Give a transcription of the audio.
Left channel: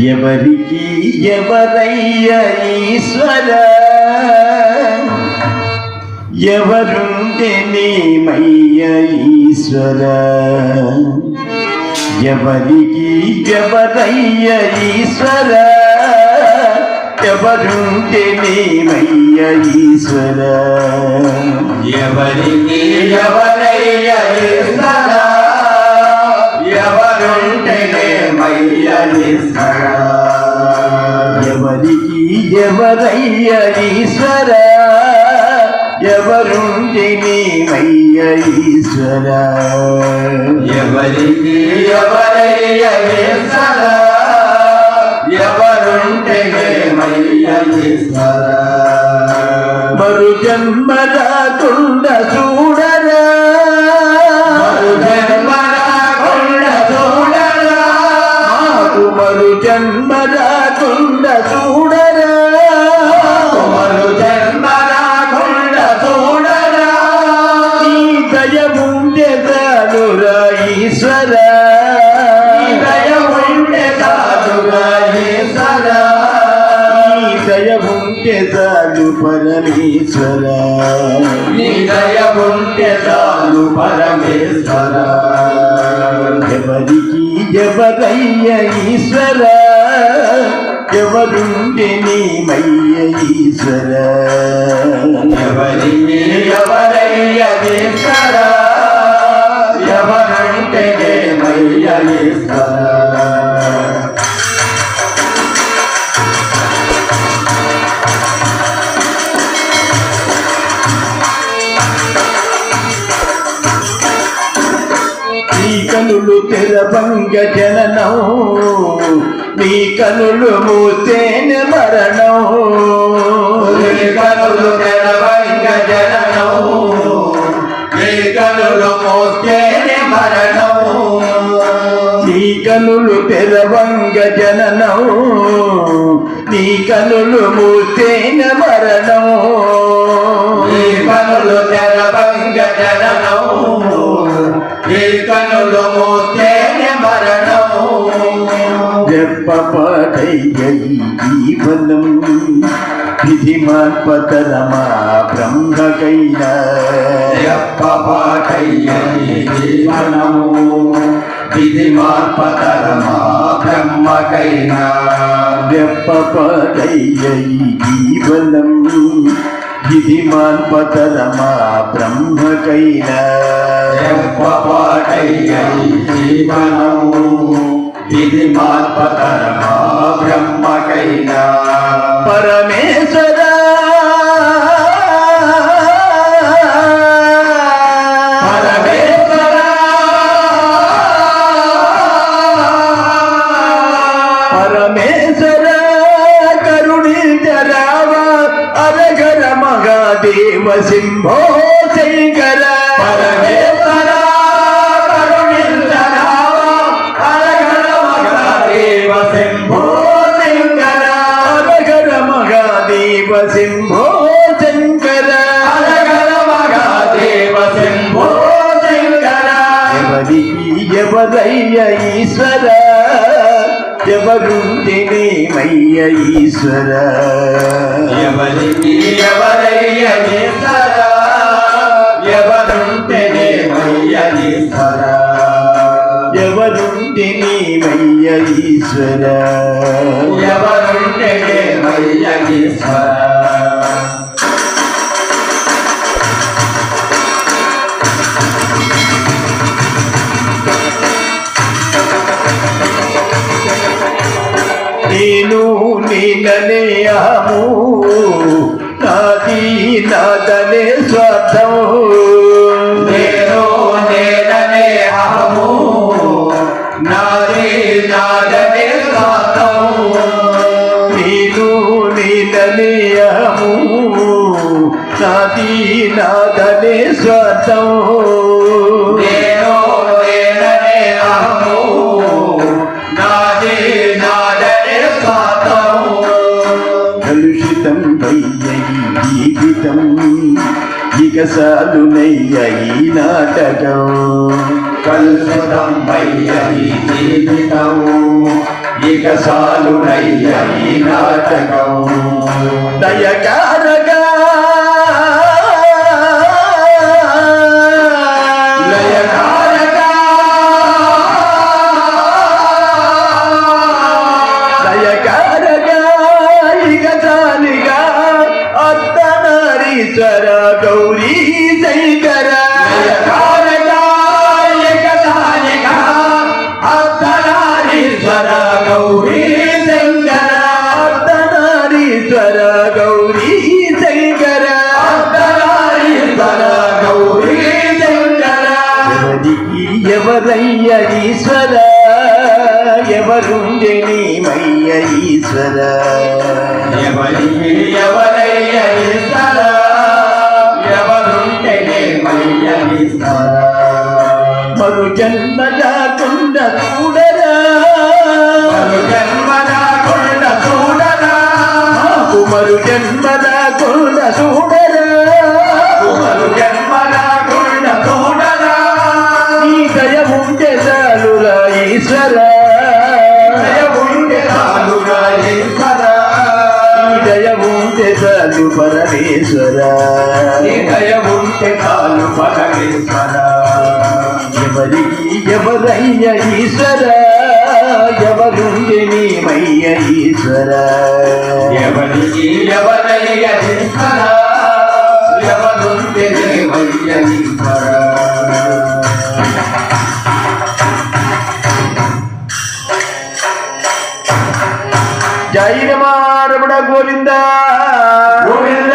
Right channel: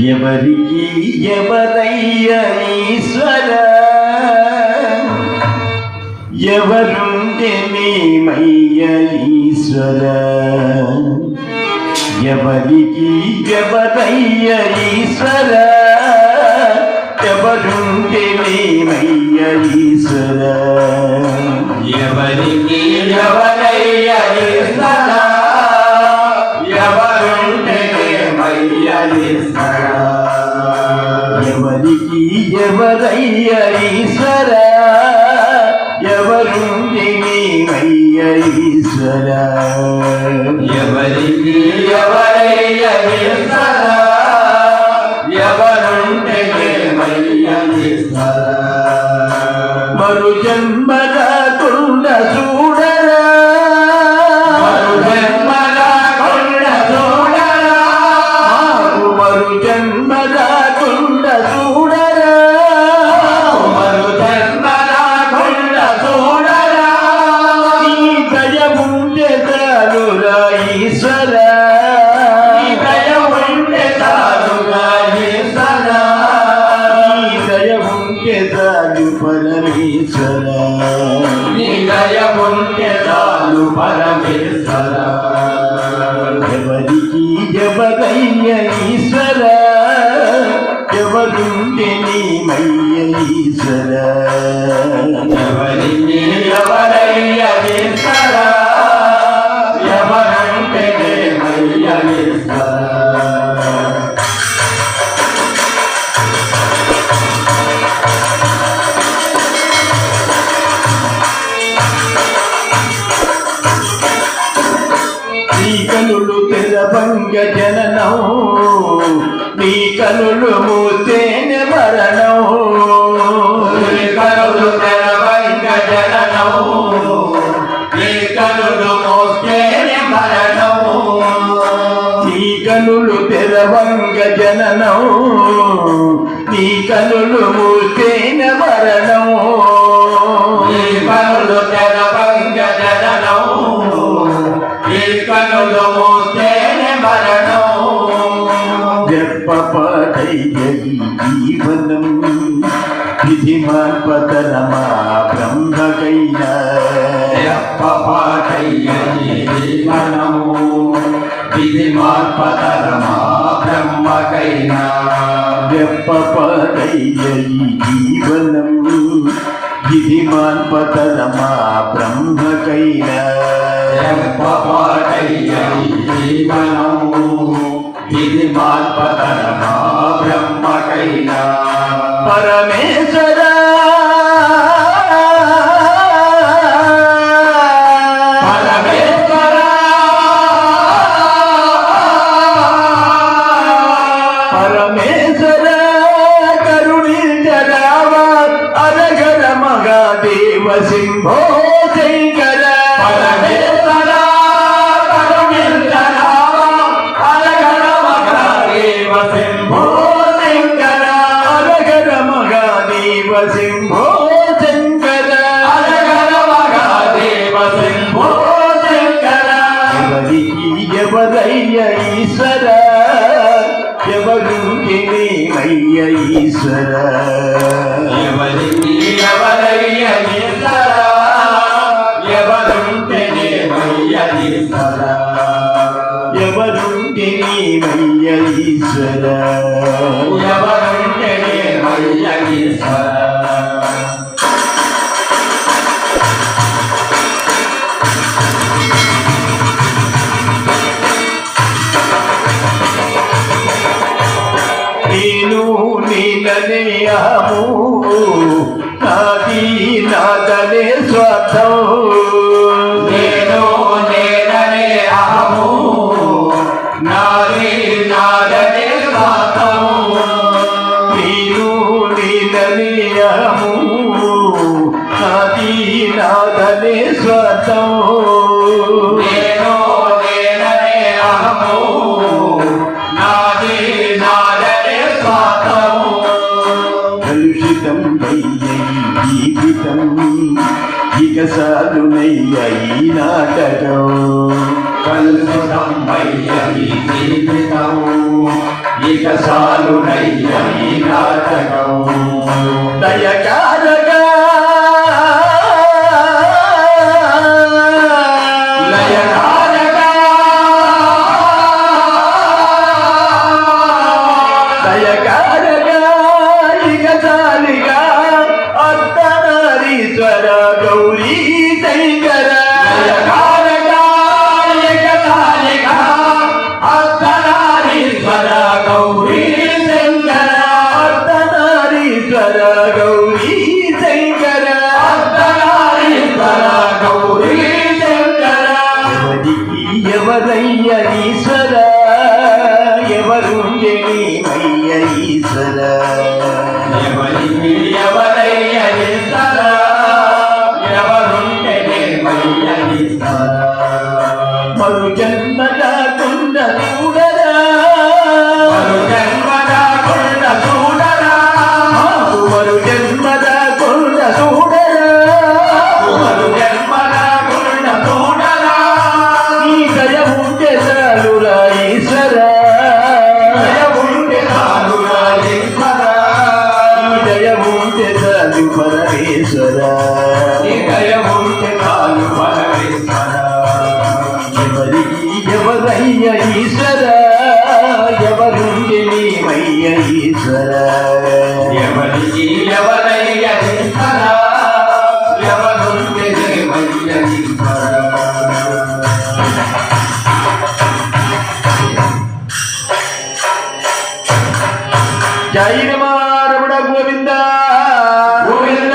ఎవరికి ఎవరయ్య ఈశ్వర? ఎవరుంటే మేమయ్య ఈశ్వర? ఎవరికి ఎవరయ్య ఈశ్వర? ఎవరుంటే మేమయ్య ఈశ్వర? ఎవరికి ఎవరయ్య ఈశ్వర? ఎవరుంటే అయ్య ఈశ్వర ఎవరికి ఎవరయ్య దయ ఉంటే చాలు పరమేశ్వర. నీ దయ ఉంటే చాలు పరమేశ్వర. ఎవరికి ఎవరయ్య ఈశ్వర? ఎవరుంటే నీమయ్య ఈశ్వర? ఎవరికి ఎవరయ్య ఈశ్వర? భంగ తెరబంగ జననం నీ కనులు మూతేన మరణం. నీ కనులు భంగ జననం నీ కనులు మోస్తేనే మరణం. నీ కనులు తెరవంగ జననం నీ కనులు మూతేన మరణం. నీ కనులు తెరవంగ జననం నీ కనులు మూసే జీవనం విధి మాన్పతరమా బ్రహ్మకైనా జీవనము విధి మార్పతరమా బ్రహ్మకైనా జీవనం విధి మాన్పతరమా బ్రహ్మకైనా జీవనము విధి మార్పతరమా బ్రహ్మకైనా పరమేశ్వర. పరమేశ్వరా. పరమేశ్వర. కరుణించరావా అరగర మగాదేవ సింహో శంకర. పరమేశ్వరా. మహాదేవ శంభో శంకర శంకర అరగర మహాదేవ శంభో శంకర ఎవరికి ఎవరయ్య ఈశ్వర ఎవరు మయ్య ఈశ్వర ఎవరికి ఎవరయ్య ఈశ్వరా? నేను నీలనే నాది నాదనే స్వార్థం. నాదనే స్వార్థం. కలుషితం జీవితం ఇక సాలునయ్య ఈ నాటకం. కలుషితం అయ్య ఈ జీవితం ఇక సాలునయ్య ఈ నాటకం. అత్తనారీశ్వర గౌరీ శంకర లయకారగా గౌరీ శంకర అత్తనారీశ్వర గౌరీ శంకర అర్ధనారీశ్వర గౌరీ శంకర ఎవరయ్య ఈశ్వర ఎవరుండే మయ్య ఈశ్వర? ఎవరికి ఎవరయ్య ఈశ్వర ఎవరుంటే మయ్యనిస్తార మరు జన్మ కాకుండా చూడరా? మరు జన్మ పరమేశ్వర ఎవరికి ఎవరయ్య ఈశ్వర ఎవరుండే నీ మయ్య ఈశ్వర? ఎవరికి ఎవరయ్య ఈశ్వర ఎవరుంటే దేవయ్య ఈశ్వర? జై రమారమణ గోవింద. గోవింద